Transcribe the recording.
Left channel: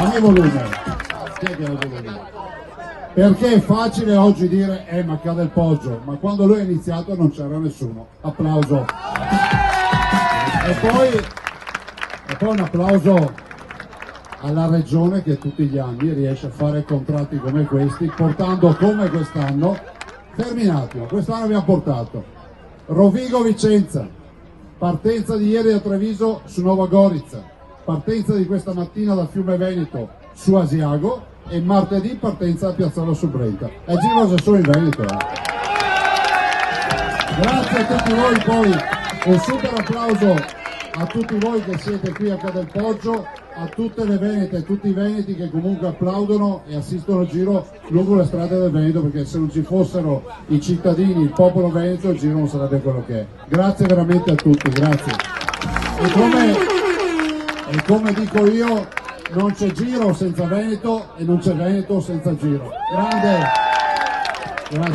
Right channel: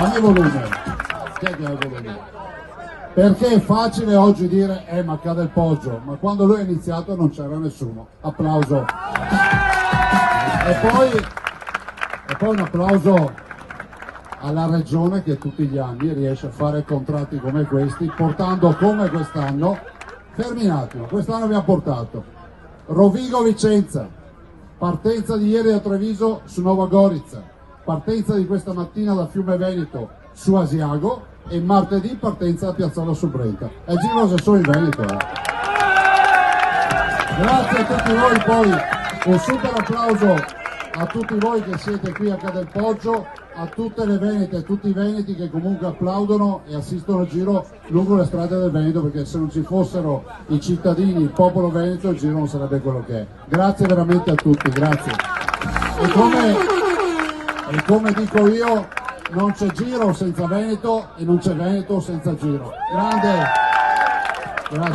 Dammi volume. Chi è che ha il volume? Perché è facile oggi dire ma cade il Poggio, ma quando lui ha iniziato non c'era nessuno. Applauso. E poi un applauso alla regione che tutti gli anni riesce a fare contratti come questi, portando come quest'anno, fermi un attimo, quest'anno abbiamo portato Rovigo-Vicenza, partenza di ieri da Treviso su Nova Gorizia, partenza di questa mattina da Fiume Veneto su Asiago e martedì partenza da Piazzolo su Brenta. È giro se sono in Veneto. Grazie a tutti voi, poi un super applauso a tutti voi che siete qui a Cadel Poggio, a tutte le venete e tutti i veneti che comunque applaudono e assistono al giro lungo le strade del Veneto, perché se non ci fossero i cittadini, il popolo veneto, il giro non sarebbe quello che è. Grazie veramente a tutti, grazie. E come dico io, non c'è giro senza Veneto e non c'è Veneto senza giro. Grande! Grazie.